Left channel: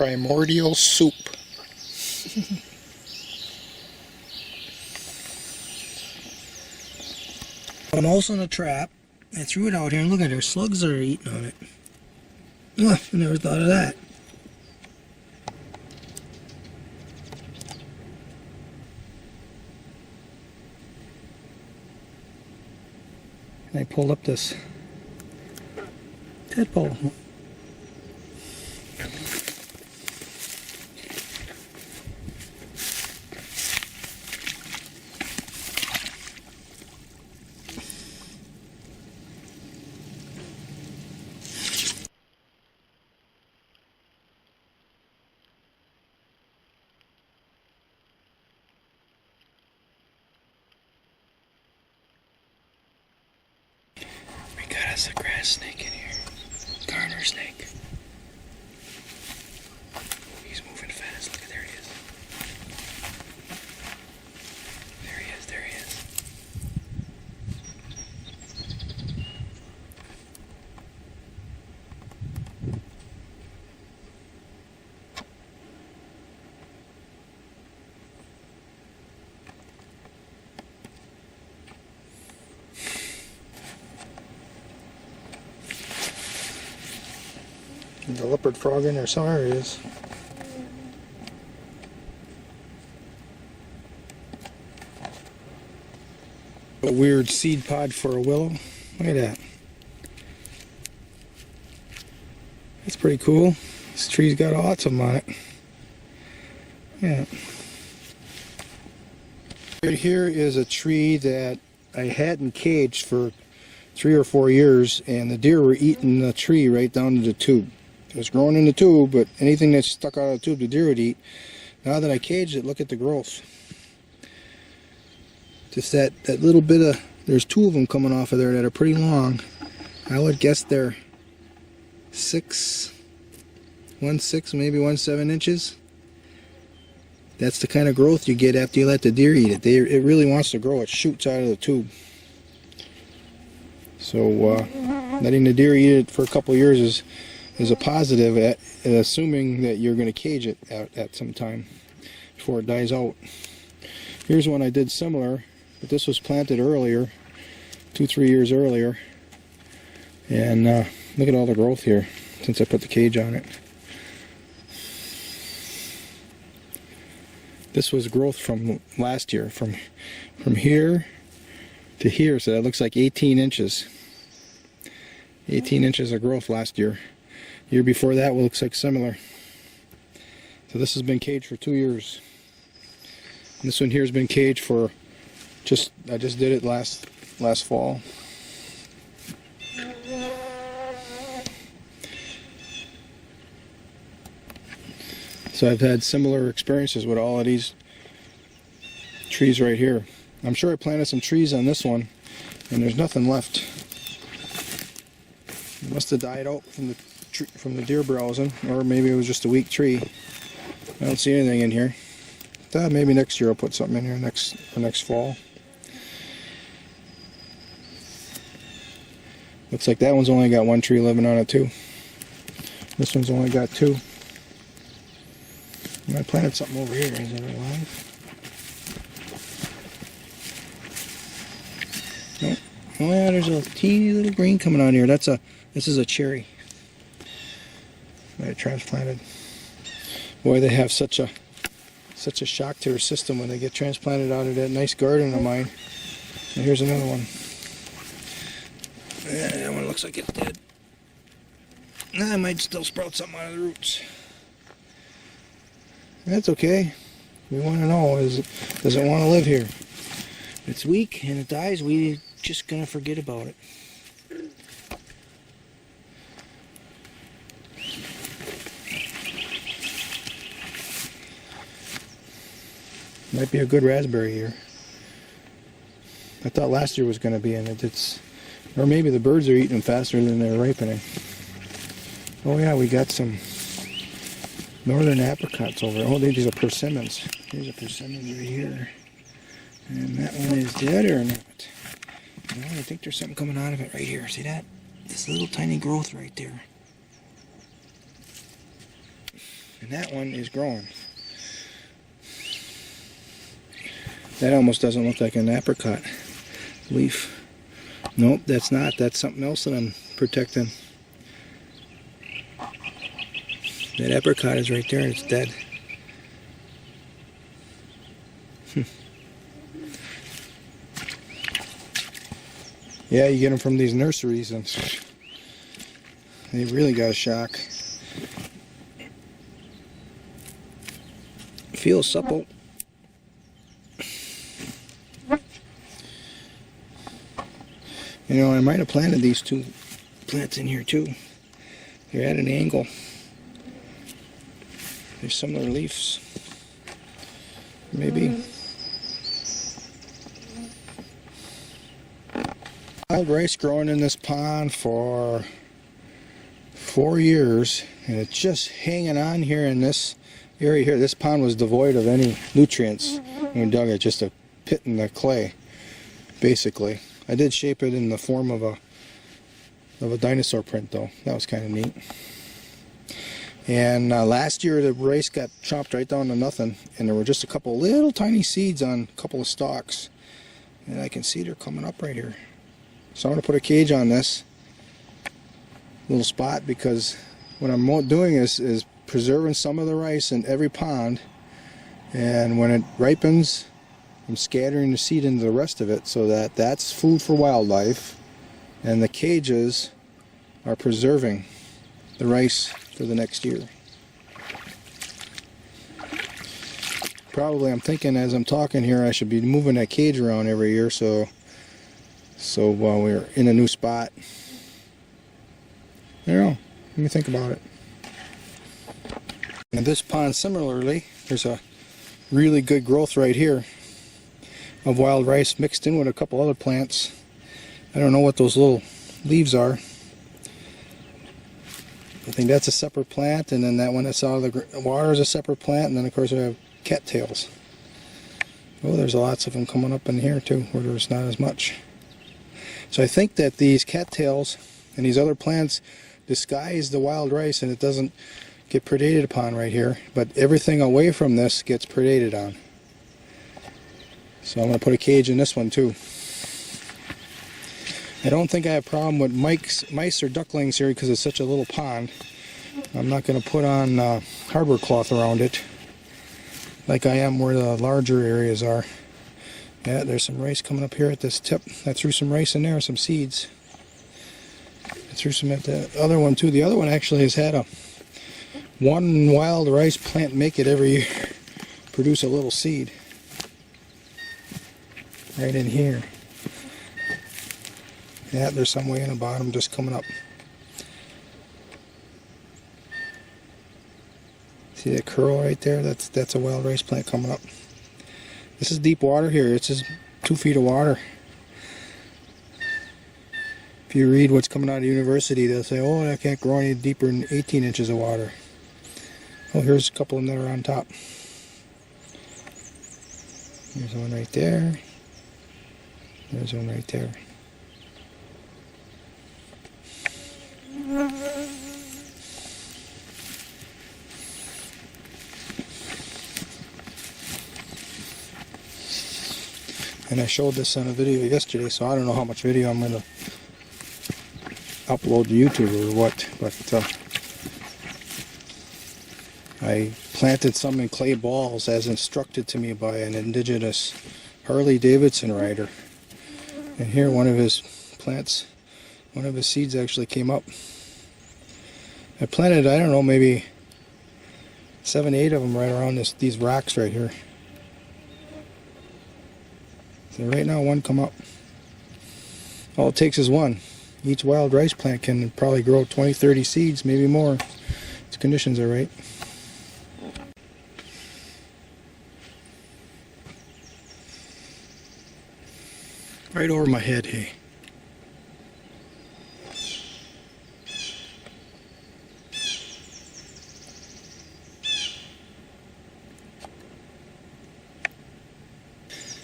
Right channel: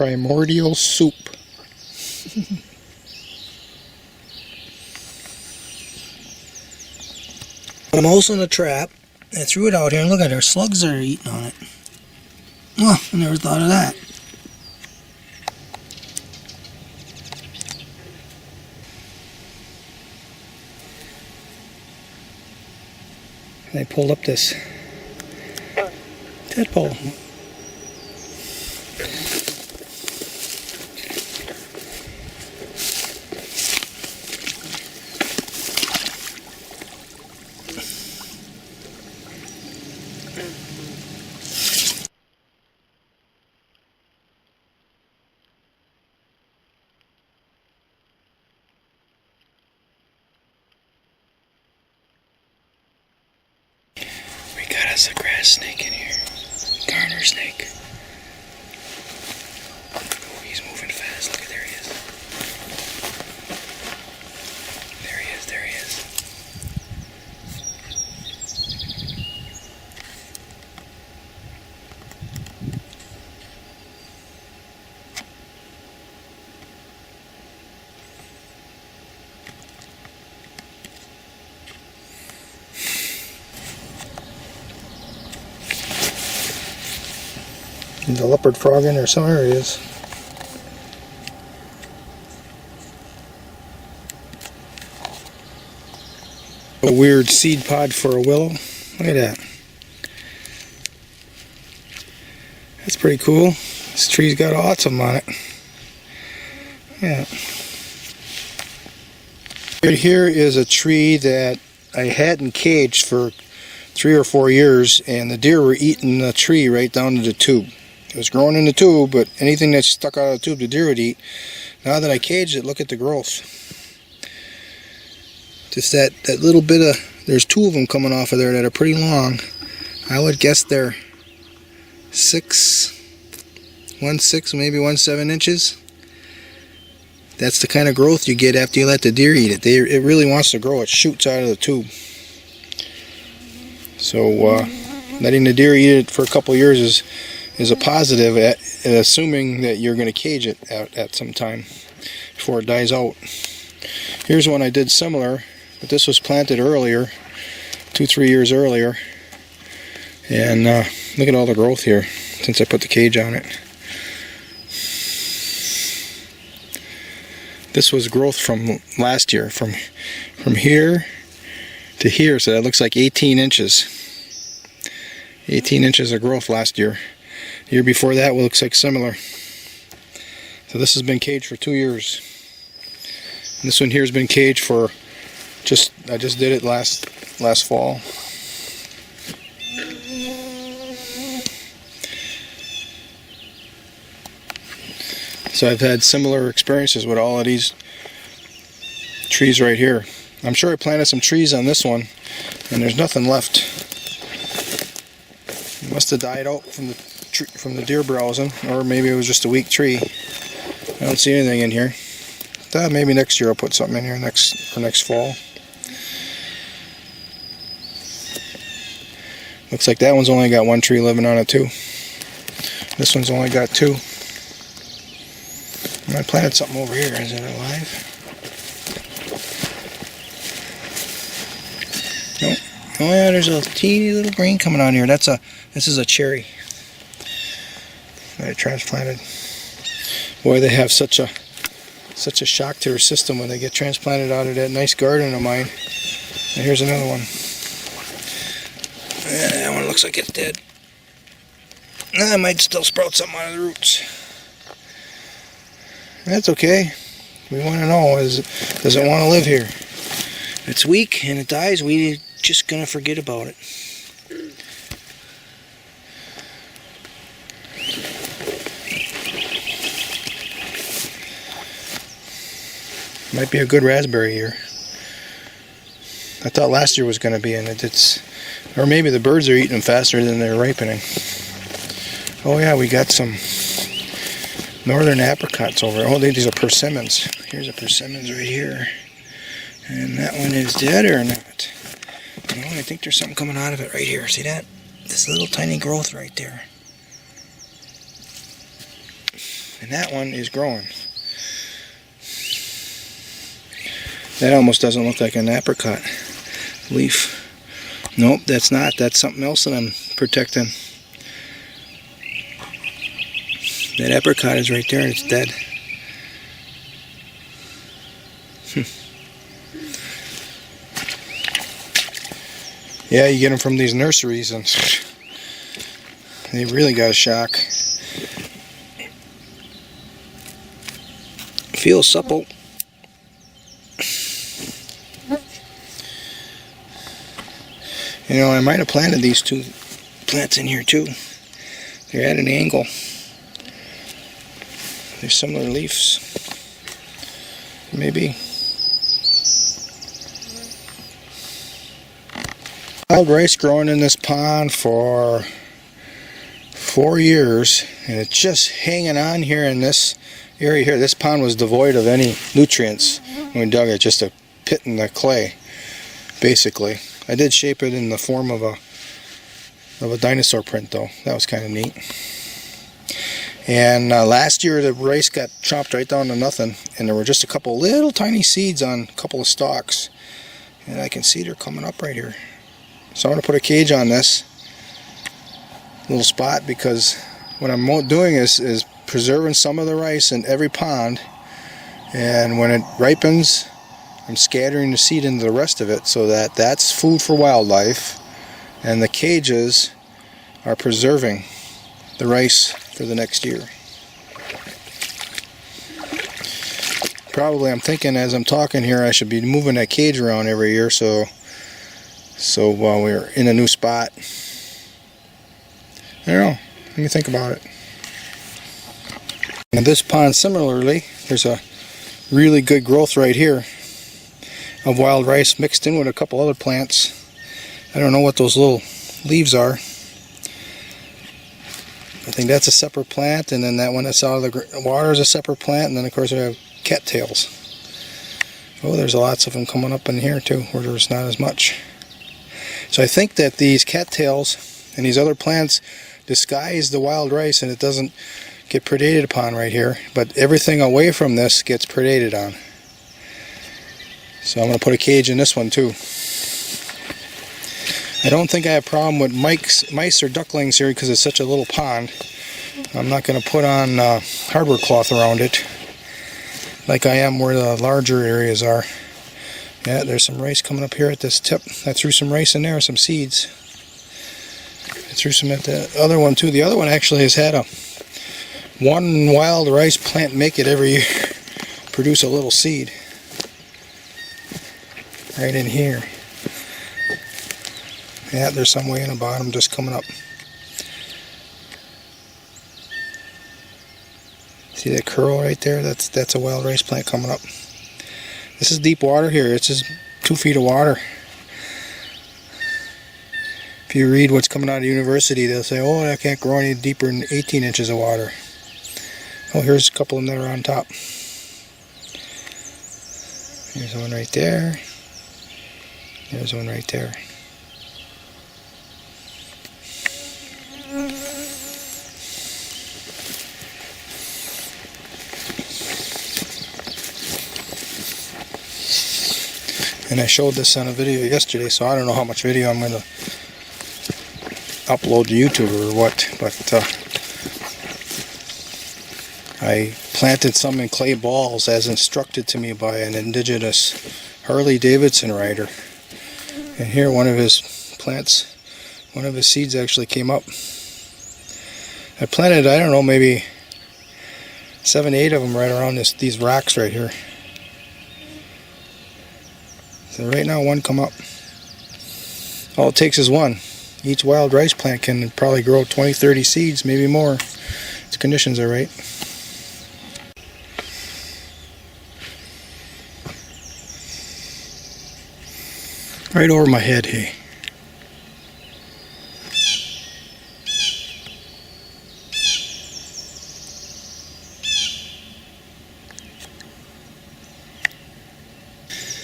Primordial soup. I'm also in a trap. I threw it out here and look at it, slugs are eating on it. Oh, I never thought of that. I pulled up this tadpole. That's a grass snake in here. Garter snake. He's moving fast. Look, there he is. There he is, there he is. There's a leopard frog in there somewhere. It is. A weird seed pod for a willow. Look at that. That's pretty cool. This tree's got autumn on it. Yeah. Right here is a tree that I hadn't caged for 3 or 4 years, and the deer were eating the tree right down to the tube. It was growing in the tube, but anything that stuck out of the tube, the deer would eat. Now that I caged it, look at the growth. Just that little bit of, there's 2 of them coming off of there that are pretty long. I would guess they're 1.6, maybe 1.7 inches. That's the kind of growth you get after you let the deer eat it. It really wants to grow. It shoots out of the tube. So letting the deer eat it for a couple years is a positive, assuming that you're going to cage it at some time before it dies out. Here's one I did similar, but this was planted earlier, 2-3 years earlier. And look at all the growth here since I put the cage on it. This was growth from last year, from here to here, so that looks like 18 inches. 18 inches of growth last year. The year before that looks like similar. So this has been caged for 2 years. And this one here has been caged for I just did it last fall. So I've had similar experiences with all of these trees right here. I'm sure I planted some trees on this one, and there's nothing left. It must have died out from the deer browsing, or maybe it was just a weak tree. I don't see anything in here. Maybe next year I'll put something in here next fall. Looks like that one's only got 1 tree living on it too. This one's only got 2. I planted something over here. Is it alive? Nope. Oh yeah, there's a teeny little green coming on here. This is a cherry that I transplanted. Boy, they have such a shock to their system when they get transplanted out of that nice garden of mine. And here's another one. Yeah, that one looks like it's dead. I might still sprout something out of the roots. That's okay. We want to know, does it want to live here? If it's weak and it dies, we're just going to forget about it. Might be a good raspberry year. I thought last year was going to be in it. Or maybe the birds are eating them faster than they're ripening. Oh yeah, we got some northern apricots over. Oh, these are persimmons. Here's a persimmons right here. And that one is dead or not? Oh, I think there's something coming out of it right here. See that? This little tiny growth right there. And that one is growing. That almost doesn't look like an apricot leaf. Nope, that's not. That's something else that I'm protecting. That apricot is right there. It's dead. Yeah, you get them from these nurseries and they really got a shock. Feels supple. You know, I might have planted these two plants in here too. They're at an angle. They're similar leaves. Maybe. Wild rice growing in this pond for 4 years, and it's just hanging on here in this area here. This pond was devoid of any nutrients when we dug it, just a pit in the clay, basically. I did shape it in the form of a dinosaur print though. That was kind of neat. And last year the rice got chopped right down to nothing, and there were just a couple little tiny seeds on a couple of stalks, and I can see they're coming up right here. So I'm going to put a cage on this little spot, because what I'm doing is preserving some of the rice in every pond, and when it ripens I'm scattering the seed into the rest of it, so that that's food for wildlife, and the cages are preserving the rice for the next year. Probably I'm thinking as I'm talking here I should be moving that cage around every year, so while we're in a new spot. I don't know, let me think about it. And this pond similarly, there's a really good growth right here of wild rice mixed in with a couple other plants. I don't know what those little leaves are. I think that's a separate plant, and then that one that's out of the water is a separate plant, and then of course we have cattails. Oh, there's lots of them coming up in here too, where there's not as much. So I think that these cattails and these other plants disguise the wild rice, and it doesn't get predated upon right here, but everything away from this gets predated on. So I'm going to put a cage in this one too. I don't think I have a problem with mice or ducklings here because it's such a little pond. I'm not going to put on hardwood cloth around it like I am where the larger areas are. Yeah, there's some rice coming up here at this tip. I threw some rice in there, some seeds. I threw some at the other one too. The other one actually has had one wild rice plant make it every year, produce a little seed. Right in here. Yeah, there's some way in the bottom just coming up. See that curl right there? That's a wild rice plant coming up. This is deep water here. It's just 2 feet of water. If you read what's coming out of university, they'll say, oh, that can't grow any deeper than 18 inches of water. Oh, here's a couple of them that are on top. There's one right there. There's one right there. And I showed this on a video yesterday, so I don't know how much video I'm going to upload to YouTube or what, but I planted some in clay balls as instructed to me by an indigenous Harley-Davidson rider. And here one of his plants, one of his seeds actually came up. I planted, I don't know, maybe 7, 8 of them right around these rocks right here. So right now one come up. All it takes is one. Each wild rice plant can probably grow 20, 30 seeds, maybe more. If the conditions are right. Right over my head, hey.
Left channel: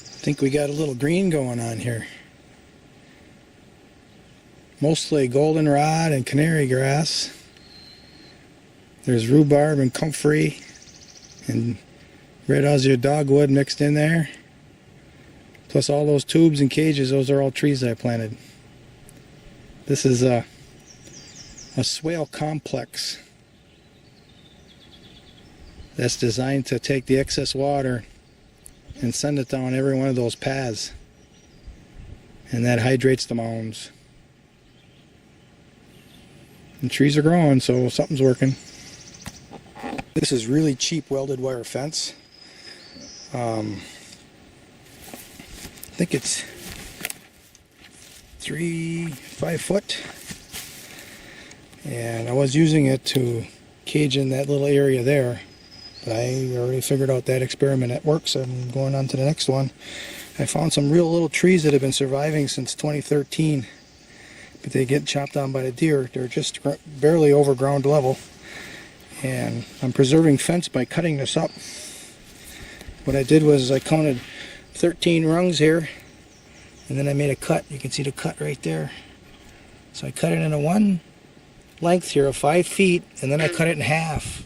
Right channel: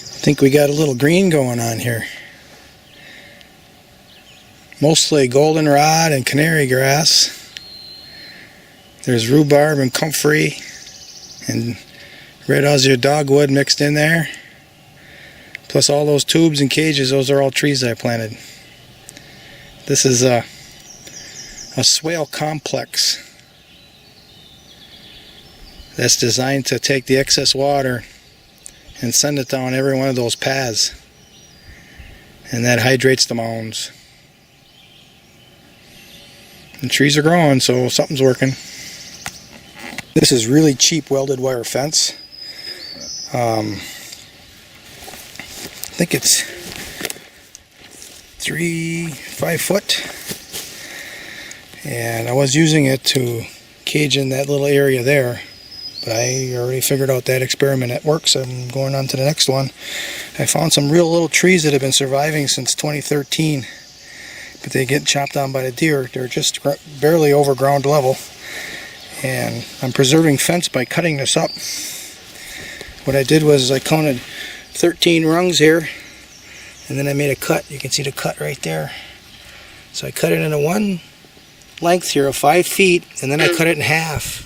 I think we got a little green going on here. Mostly goldenrod and canary grass. There's rhubarb and comfrey and red Aussie dogwood mixed in there. Plus all those tubes and cages, those are all trees I planted. This is a swale complex that's designed to take the excess water and send it down every one of those paths. And that hydrates the mounds. And trees are growing, so something's working. This is really cheap welded wire fence. I think it's 5 foot. And I was using it to cage in that little area there. But I already figured out that experiment that works. So I'm going on to the next one. I found some real little trees that have been surviving since 2013. But they get chopped down by the deer. They're just barely over ground level. And I'm preserving fence by cutting this up. What I did was I counted 13 rungs here, and then I made a cut. You can see the cut right there. So I cut it into one length here of 5 feet, and then I cut it in half.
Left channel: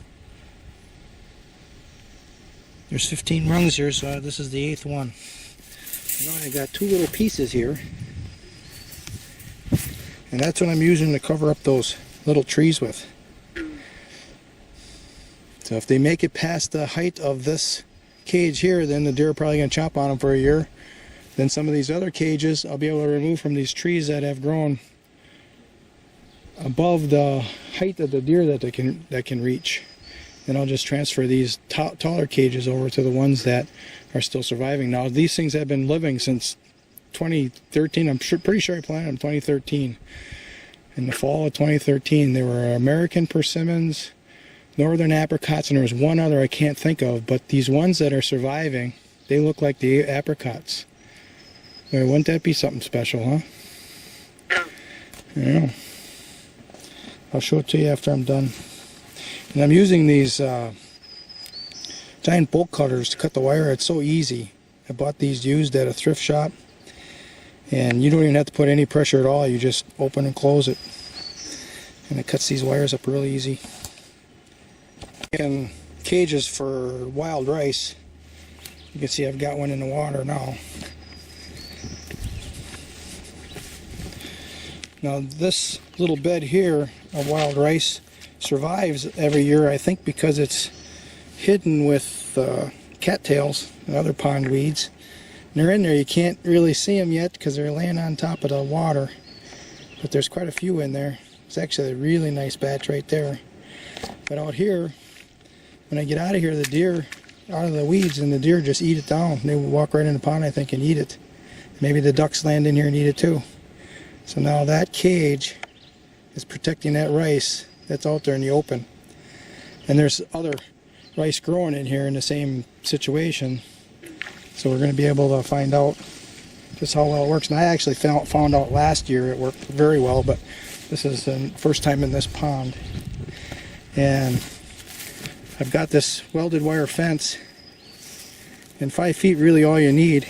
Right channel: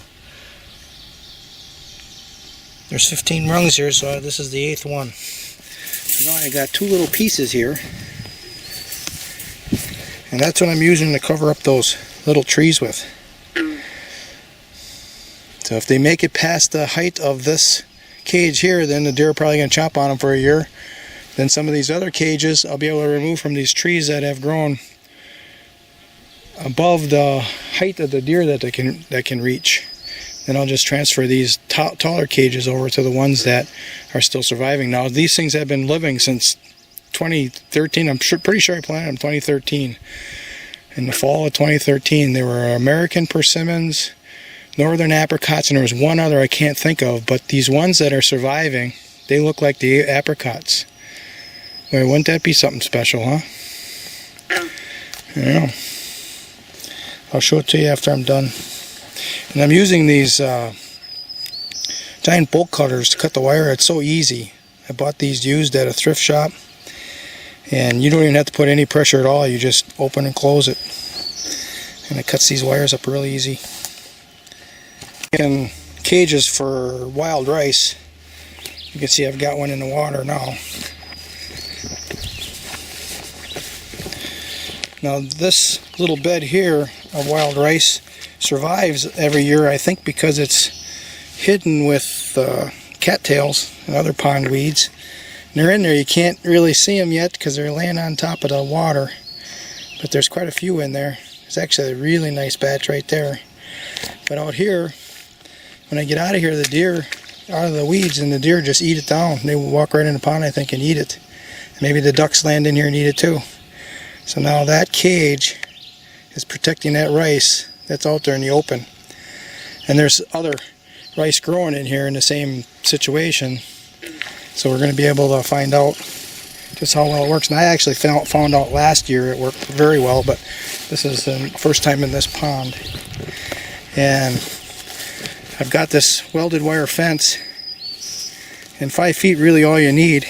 There's 15 rungs here, so this is the 8th one. So now I got 2 little pieces here, and that's what I'm using to cover up those little trees with. So if they make it past the height of this cage here, then the deer are probably going to chop on them for a year. Then some of these other cages I'll be able to remove from these trees that have grown above the height of the deer that they can reach. Then I'll just transfer these taller cages over to the ones that are still surviving. Now these things have been living since 2013. I'm pretty sure I planted them 2013. In the fall of 2013, they were American persimmons, northern apricots, and there was one other I can't think of, but these ones that are surviving, they look like the apricots. Wait, wouldn't that be something special, huh? I don't know. I'll show it to you after I'm done. And I'm using these giant bolt cutters to cut the wire. It's so easy. I bought these used at a thrift shop, and you don't even have to put any pressure at all. You just open and close it, and it cuts these wires up really easy. And cages for wild rice. You can see I've got one in the water now. Now this little bed here of wild rice survives every year, I think, because it's hidden with cattails and other pond weeds. And they're in there. You can't really see them yet because they're laying on top of the water. But there's quite a few in there. It's actually a really nice batch right there. But out here, when I get out of here, the deer out of the weeds, and the deer just eat it down. They walk right in the pond, I think, and eat it. Maybe the ducks land in here and eat it too. So now that cage is protecting that rice that's out there in the open. And there's other rice growing in here in the same situation. So we're going to be able to find out just how well it works. And I actually found out last year it worked very well, but this is the first time in this pond. And I've got this welded wire fence, and 5 feet really all you need.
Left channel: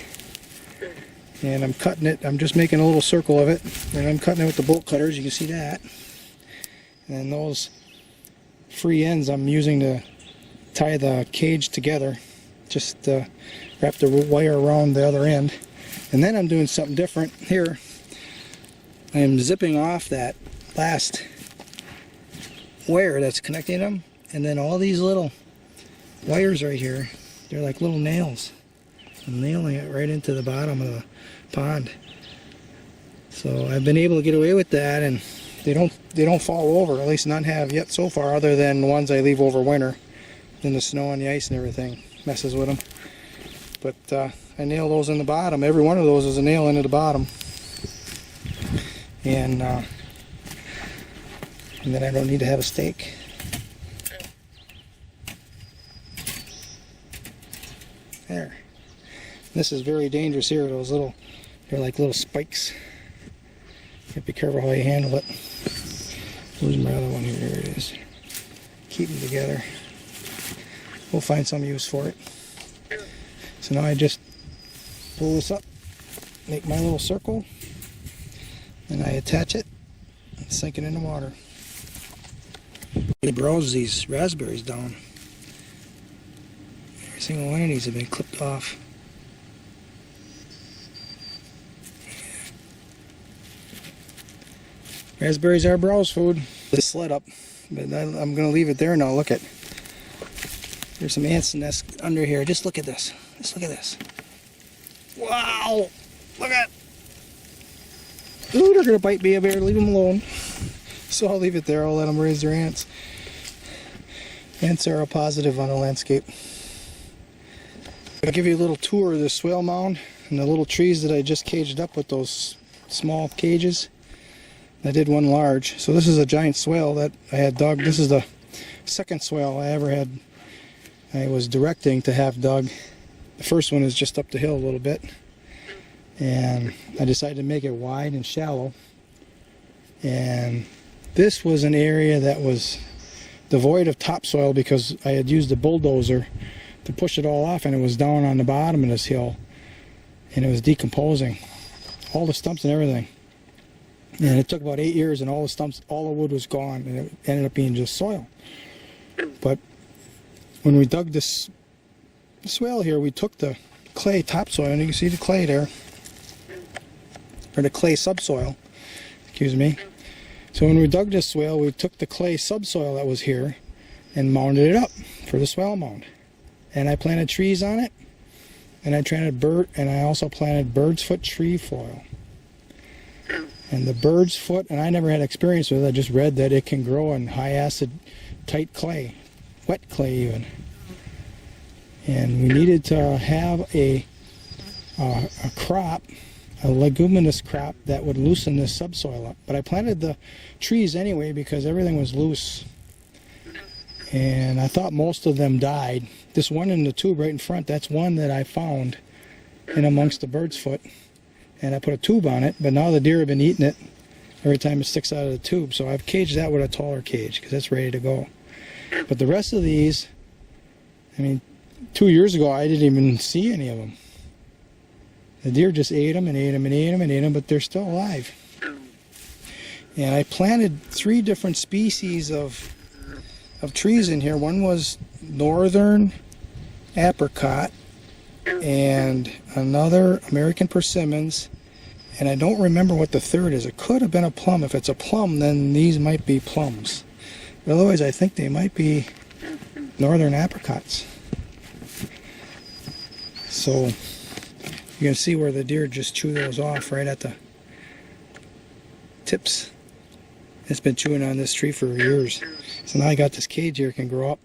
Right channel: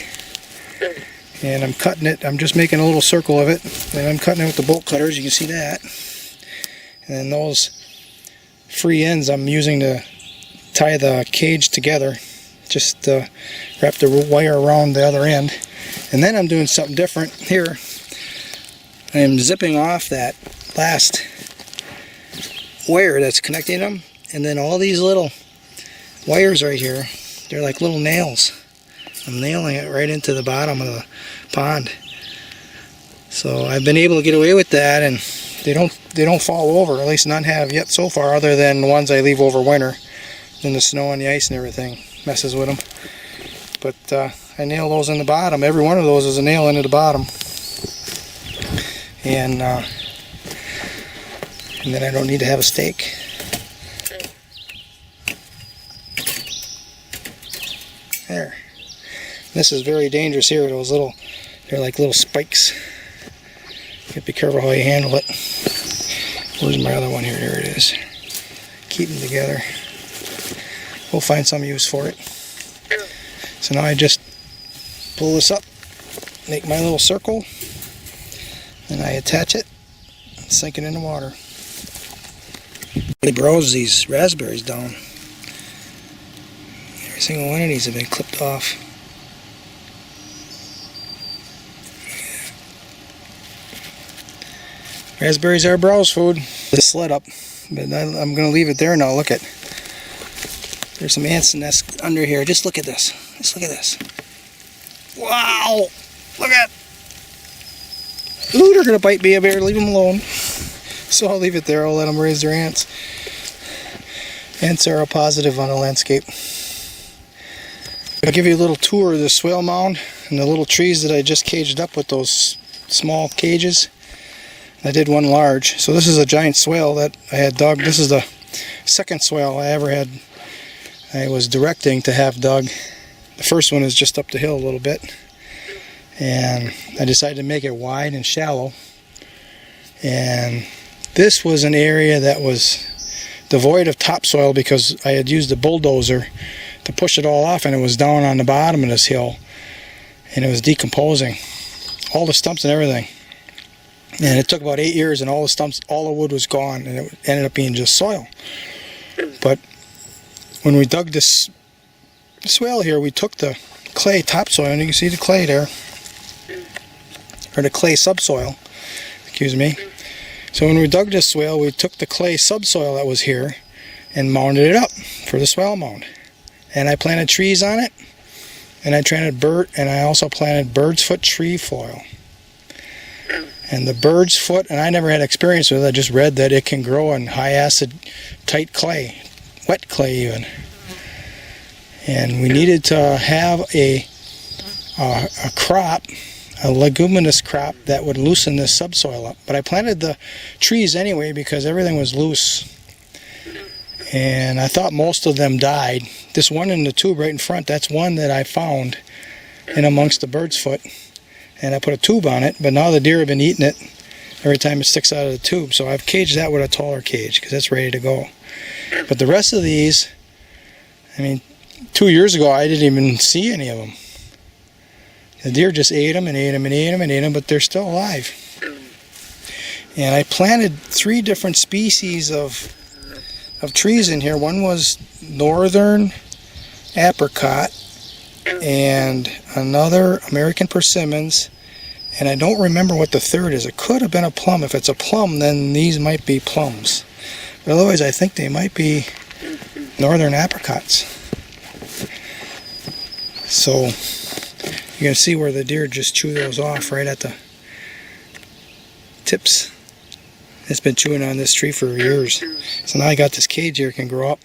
And I'm cutting it, I'm just making a little circle of it, and I'm cutting it with the bolt cutters, you can see that. And those free ends I'm using to tie the cage together, just wrap the wire around the other end. And then I'm doing something different here. I'm zipping off that last wire that's connecting them. And then all these little wires right here, they're like little nails. I'm nailing it right into the bottom of the pond. So I've been able to get away with that, and they don't fall over. At least none have yet so far, other than the ones I leave over winter. Then the snow and the ice and everything messes with them. But I nail those in the bottom. Every one of those is a nail into the bottom. And then I don't need to have a stake. There. This is very dangerous here. They're like little spikes. You have to be careful how you handle it. Where's my other one here? Here it is. Keep them together. We'll find some use for it. So now I just pull this up, make my little circle, and I attach it and sink it in the water. They browse these raspberries down. Every single one of these have been clipped off. Raspberries are browse food. The sled up, but I'm going to leave it there now. Look at, there's some ants nests under here. Just look at this. Just look at this. Wow! Look at. Ooh, they're going to bite me. I better leave them alone. So I'll leave it there. I'll let them raise their ants. Ants are a positive on the landscape. I'll give you a little tour of the Swale Mound and the little trees that I just caged up with those small cages. I did one large. So this is a giant swale that I had dug. This is the second swale I ever had. I was directing to have dug. The first one is just up the hill a little bit. And I decided to make it wide and shallow. And this was an area that was devoid of topsoil because I had used a bulldozer to push it all off, and it was down on the bottom of this hill. And it was decomposing. All the stumps and everything. And it took about 8 years, and all the stumps, all the wood was gone, and it ended up being just soil. But when we dug this swale here, we took the clay topsoil, and you can see the clay there, or the clay subsoil, excuse me. So when we dug this swale, we took the clay subsoil that was here and mounded it up for the swale mound. And I planted trees on it, and I also planted bird's foot tree foil. And the bird's foot, and I never had experience with it, I just read that it can grow in high acid, tight clay, wet clay even. And we needed to have a crop, a leguminous crop that would loosen this subsoil up. But I planted the trees anyway because everything was loose. And I thought most of them died. This one in the tube right in front, that's one that I found in amongst the bird's foot. And I put a tube on it, but now the deer have been eating it every time it sticks out of the tube. So I've caged that with a taller cage because it's ready to go. But the rest of these, I mean, 2 years ago I didn't even see any of them. The deer just ate them and ate them and ate them and ate them, but they're still alive. And I planted 3 different species of trees in here. One was northern apricot and another American persimmons, and I don't remember what the third is. It could have been a plum. If it's a plum, then these might be plums. But otherwise, I think they might be northern apricots. So you can see where the deer just chew those off right at the tips. It's been chewing on this tree for years. So now I got this cage here, it can grow up.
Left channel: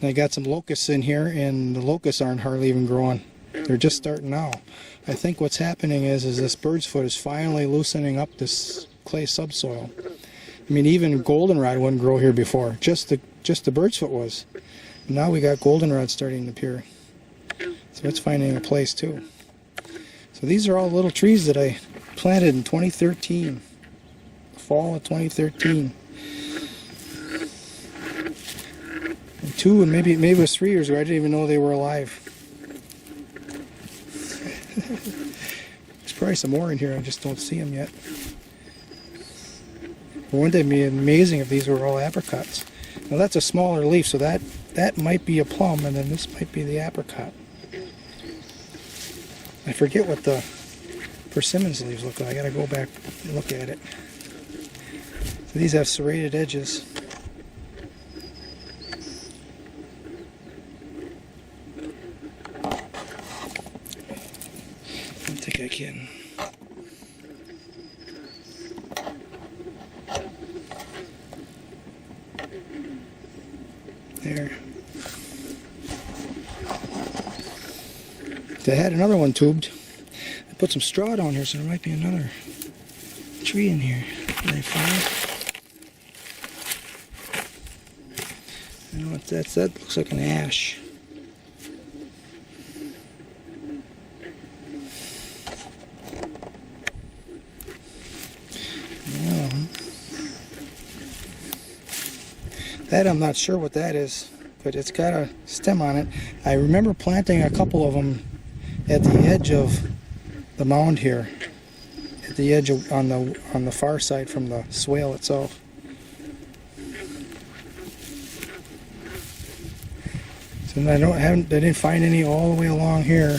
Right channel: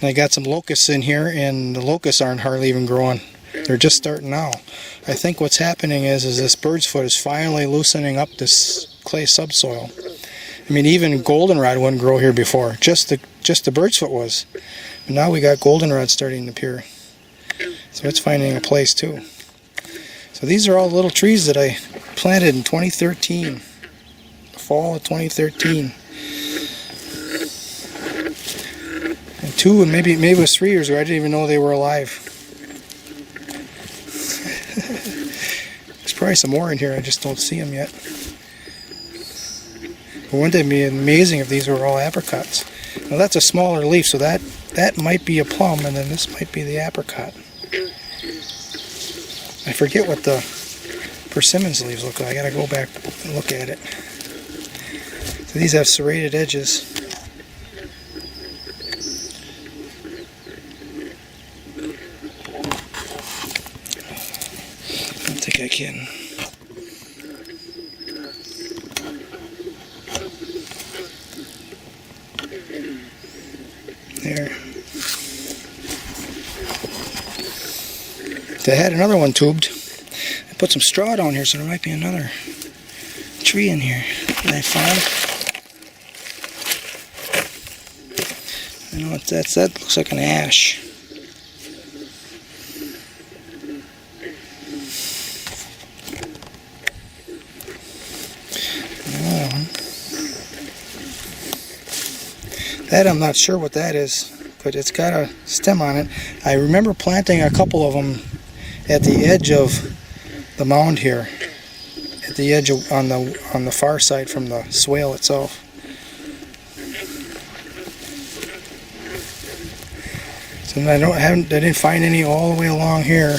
And I got some locusts in here, and the locusts aren't hardly even growing. They're just starting now. I think what's happening is this bird's foot is finally loosening up this clay subsoil. I mean, even goldenrod wouldn't grow here before. Just the bird's foot was. And now we got goldenrod starting to appear. So it's finding a place too. So these are all little trees that I planted in 2013. Fall of 2013. And 2 and maybe it was 3 years ago. I didn't even know they were alive. There's probably some more in here. I just don't see them yet. But wouldn't it be amazing if these were all apricots? Well, that's a smaller leaf, so that might be a plum, and then this might be the apricot. I forget what the persimmons leaves look like. I gotta go back and look at it. So these have serrated edges. I don't think I can. There. I had another one tubed. I put some straw down here, so there might be another tree in here that I found. You know, that looks like an ash. That I'm not sure what that is, but it's got a stem on it. I remember planting a couple of them at the edge of the mound here, at the edge of, on the far side from the swale itself. So I didn't find any all the way along here.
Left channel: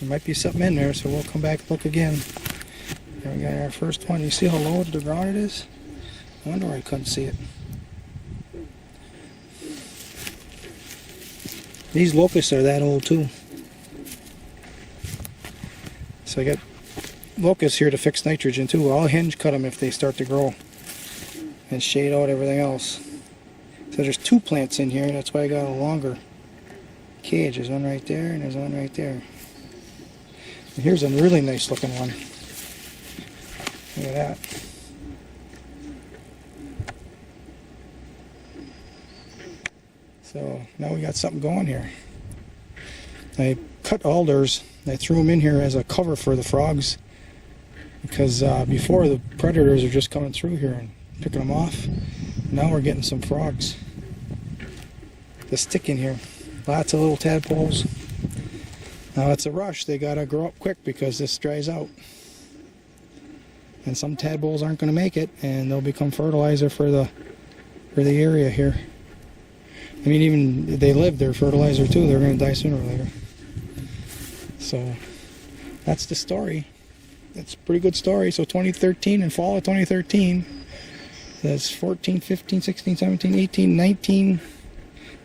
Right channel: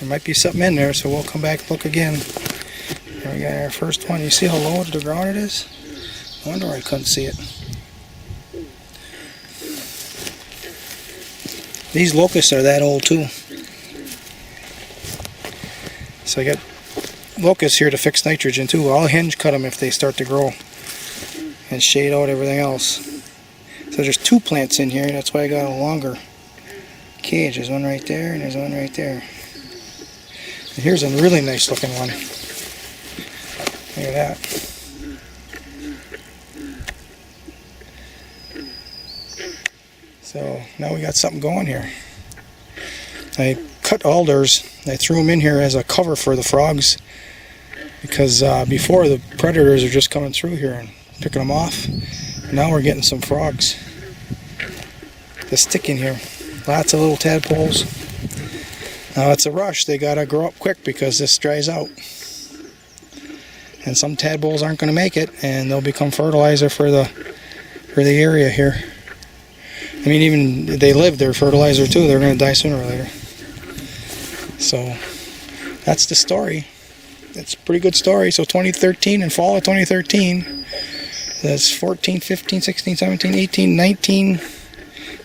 There might be something in there, so we'll come back and look again. Here we got our first one. You see how low to the ground it is? I wonder why I couldn't see it. These locusts are that old too. So I got locusts here to fix nitrogen too. I'll hinge cut them if they start to grow and shade out everything else. So there's 2 plants in here, that's why I got a longer cage. There's one right there and there's one right there. And here's a really nice looking one. Look at that. So now we got something going here. I cut alders. I threw them in here as a cover for the frogs because before the predators are just coming through here and picking them off. Now we're getting some frogs to stick in here. Lots of little tadpoles. Now it's a rush. They gotta grow up quick because this dries out. And some tadpoles aren't going to make it, and they'll become fertilizer for the area here. I mean, even if they live, they're fertilizer too. They're going to die sooner or later. So that's the story. It's a pretty good story. So 2013, in fall of 2013, that's 14, 15, 16, 17, 18, 19.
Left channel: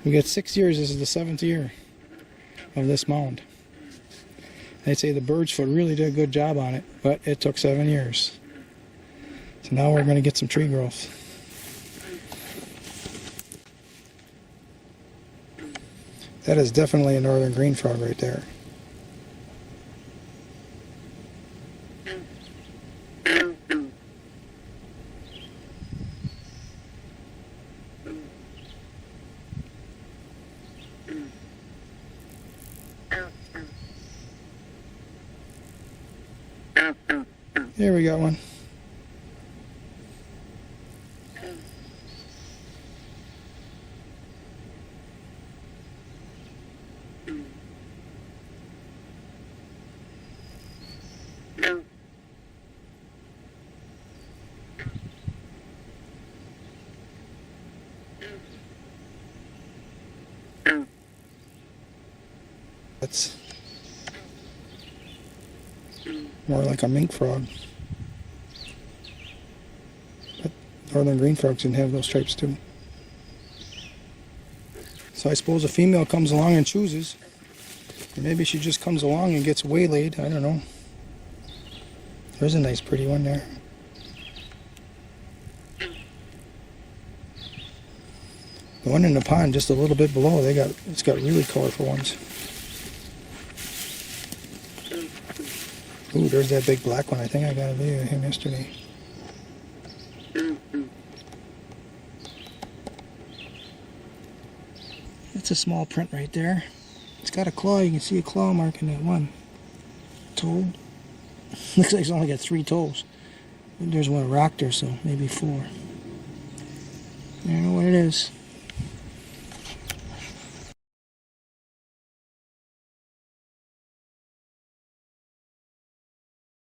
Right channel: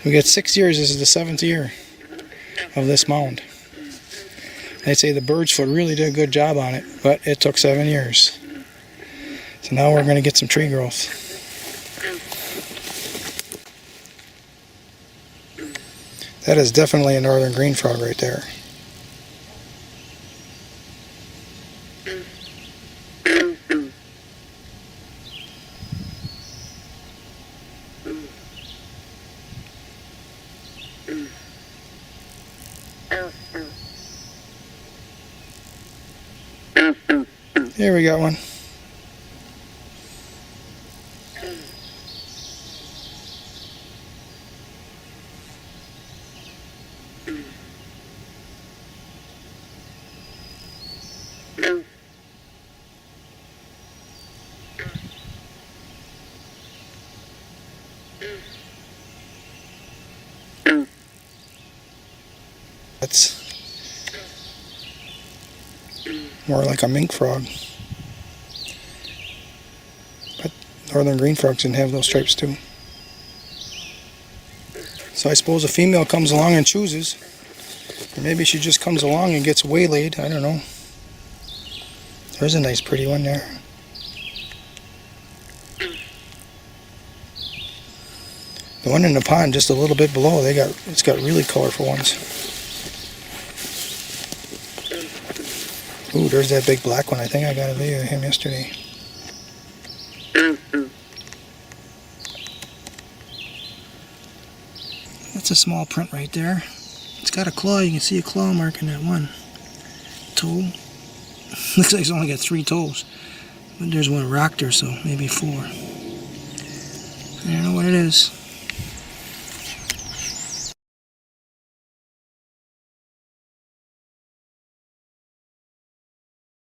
We got 6 years. This is the 7th year of this mound. I'd say the birds foot really did a good job on it, but it took 7 years. So now we're going to get some tree growth. That is definitely a northern green frog right there. Here we got one. That's more like a mink frog. But northern green frogs didn't have those stripes too. So I suppose a female comes along and chooses. Or maybe she just comes along and gets waylaid. I don't know. There's a nice pretty one there. The one in the pond just a little bit below, it's got really colorful ones. Ooh, there's that big black one. I think I got a video of him yesterday. That's a small print right there. It's got a claw. You can see a claw mark in that one toe. Looks like it's only got 3 toes. But there's one rocked there, so maybe 4. I don't know what it is.